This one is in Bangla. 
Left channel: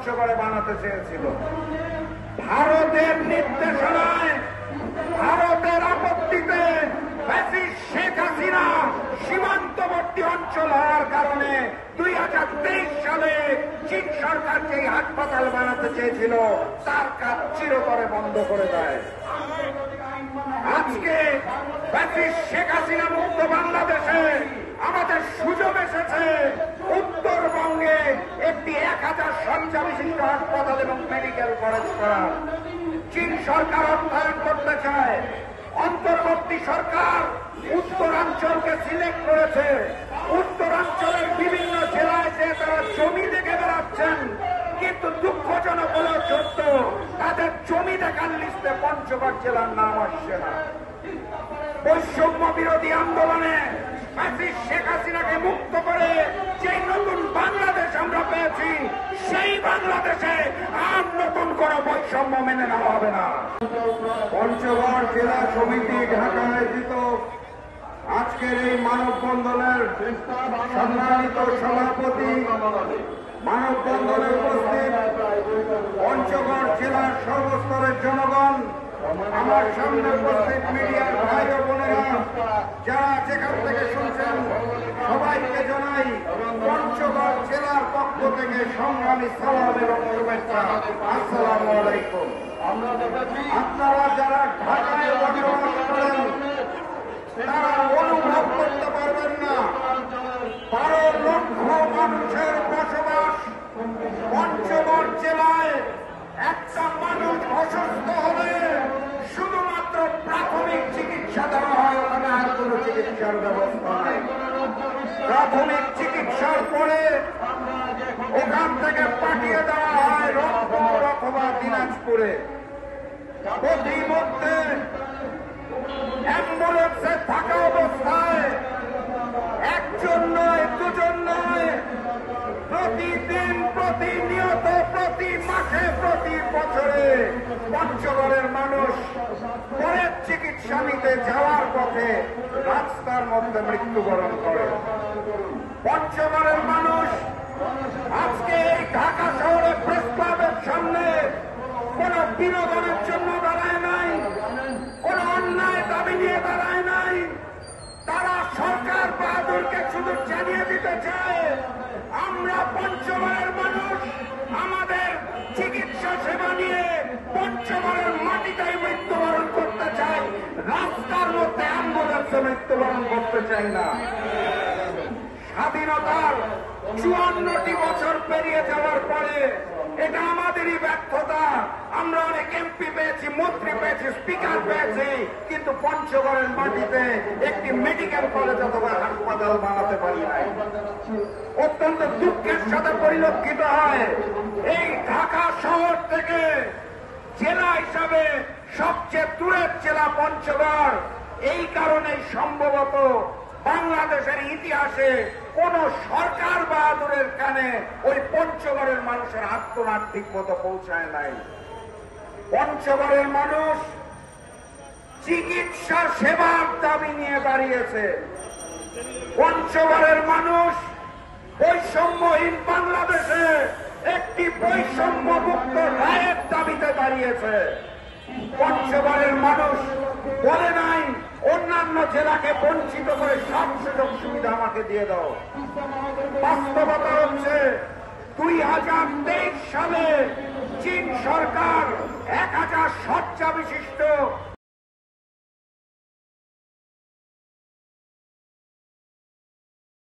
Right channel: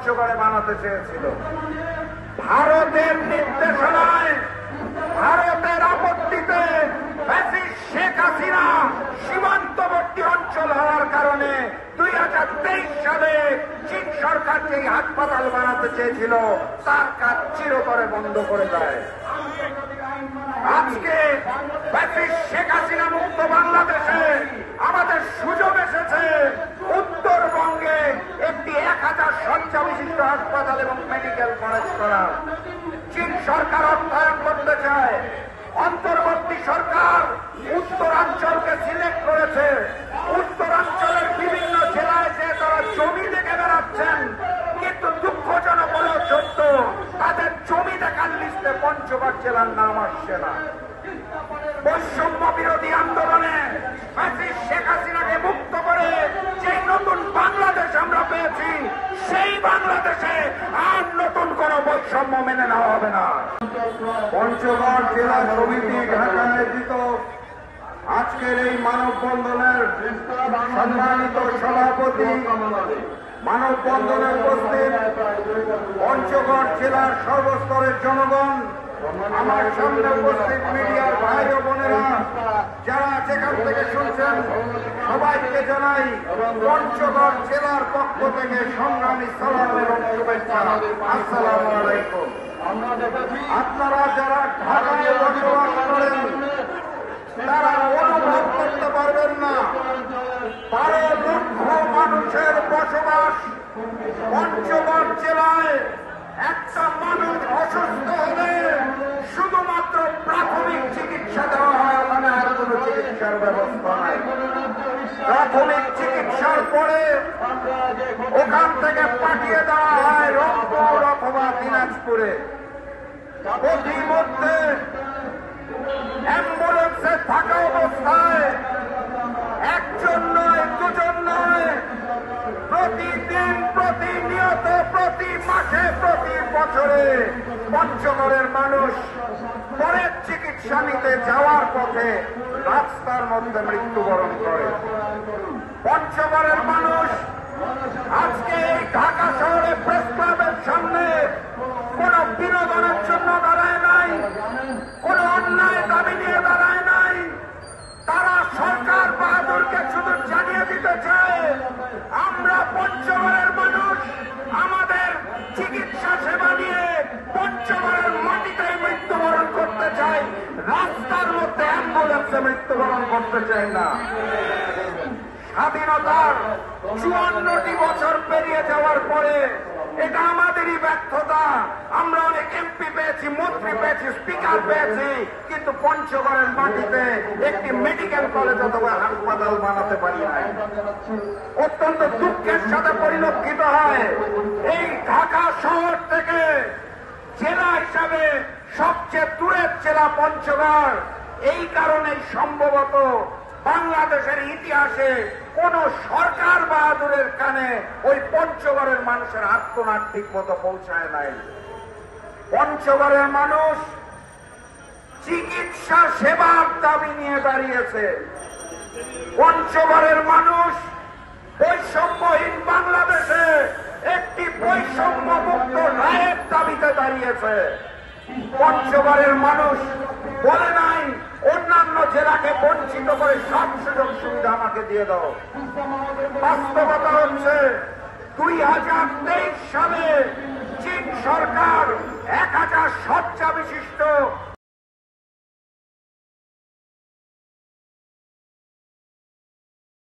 পঞ্চগড়ে বানাতে চেয়েছিল। ভারতের নির্দেশনায়, ভারতের আপত্তিতে শেখ হাসিনা সীমান্তবর্তী অঞ্চল হওয়ার কারণে 2023 সালে চীন সরকার যেই হাসপাতাল বানাতে চেয়েছিল তার কাজ চিরতরে বন্ধ করে দেয়। আজকে শেখ হাসিনা মুক্ত বাংলাদেশে আমাদের সুযোগ এসেছে উত্তরবঙ্গে একটি 1000 শয্যা বিশিষ্ট হাসপাতাল এবং মেডিকেল কলেজ করা। চীন সরকার অর্থায়ন করতে চায়। অন্তর্বর্তী সরকার উত্তরাঞ্চলকে সিলেক্ট করেছে। উত্তরাঞ্চলের বিভিন্ন জেলায় যে তারা জমি দেখে বেড়াচ্ছেন, কিন্তু দুঃখজনক হল সত্য তাদের জমি দেখার লিস্টে পঞ্চগড় জেলার নাম আসছে না। বৈষম্য বিরোধী আন্দোলনে শেখ হাসিনাকে মুক্ত করে যে নতুন বাংলাদেশ আমরা পেয়েছি, সেই বাংলাদেশে আর নতুন কোন বৈষম্য মেনে নেওয়া হবে না। পঞ্চগড় জেলা সমিতি ঢাকা আয়োজিত আজকের এই মানববন্ধনের সম্মানিত সভাপতি, মানববন্ধনে উপস্থিত পঞ্চগড় জেলার সর্বস্তরের জনগণ, আমার সামনে উপস্থিত মিডিয়ার ভাই ও বোনেরা, যারা যেখান থেকে শুনছেন সবাইকে জানাই পঞ্চগড় জেলার পক্ষ থেকে সংগ্রামী সালাম এবং শুভেচ্ছা। আসসালামু আলাইকুম। আপনারা যারা ঢাকায় বসবাস করেন তারা অনুভব করতে পারবেন না 12 লক্ষ মানুষের বসবাস পঞ্চগড় জেলায়। একটা মানুষ অসুস্থ হলে শুধুমাত্র প্রাথমিক চিকিৎসা দেওয়া হয়, ওখানে আর কোনো চিকিৎসার ব্যবস্থা নাই। প্রাথমিক চিকিৎসার পরে ওখান থেকে পাঠিয়ে দেওয়া হয় রংপুর অথবা দিনাজপুরে। প্রতিমধ্যে অ্যাম্বুলেন্সে থাকা অবস্থায় একজন নয়, দুজন নয়, প্রতিদিন, প্রতিনিয়ত, প্রতি মাসে, প্রতি বছরে পঞ্চগড়ের মানুষ পরের চিকিৎসা নিতে যাওয়ার পথে রাস্তার মধ্যে মৃত্যুবরণ করে। পঞ্চগড়ের মানুষ আজকে এই ঢাকা শহরে প্রেস ক্লাবের সামনে কোন বিনোদনের জন্য দাঁড়ায় নাই, কোন অন্যায় দাবি নিয়ে দাঁড়ায় নাই। তারা সরকার বাহাদুরকে শুধু জানিয়ে দিতে চায় আমরা পঞ্চগড়ের মানুষ আমাদের চিকিৎসা সেবা নিয়ে পঞ্চগড়ের মাটিতে মৃত্যুবরণ করতে চাই, রাস্তার মধ্যে অ্যাম্বুলেন্সে মৃত্যুবরণ করতে চাই না। স্বাধীনতার 54টি বছর পেরিয়ে যাওয়ার পরে এটা আমাদেরই ব্যর্থতা। আমরা অনেক এমপি পেয়েছি, মন্ত্রী পেয়েছি, স্পিকার পেয়েছি, কিন্তু পঞ্চগড়ের মাটিতে একটি মেডিকেল কলেজ অথবা হাসপাতাল বানাতে পারি নাই। অত্যন্ত দুঃখের সাথে পরিলক্ষিত হয় এই ঢাকা শহর থেকে জেলা হিসাবে সবচেয়ে দূরের জেলা পঞ্চগড়। এই কারণেই সম্ভবত বাংলাদেশের ইতিহাসে কোন সরকার বাহাদুরের কানে ওই পঞ্চগড়ের মানুষের আত্মনাদ ঠিক মতো পৌঁছায় নাই। পঞ্চগড়ের মানুষ চিকিৎসা সেবার দাবি নিয়ে দাঁড়িয়েছে। পঞ্চগড়ের মানুষ বৈষম্যহীন বাংলাদেশে একটি বৈষম্যমুক্ত রায়ের দাবিতে দাঁড়িয়েছে। পঞ্চগড়ের মানুষ বলে নাই অন্যান্য জেলাকে বঞ্চিত করে সব সুযোগ সুবিধা আমাকে দিয়ে দাও। বাস্তবতা হচ্ছে 2023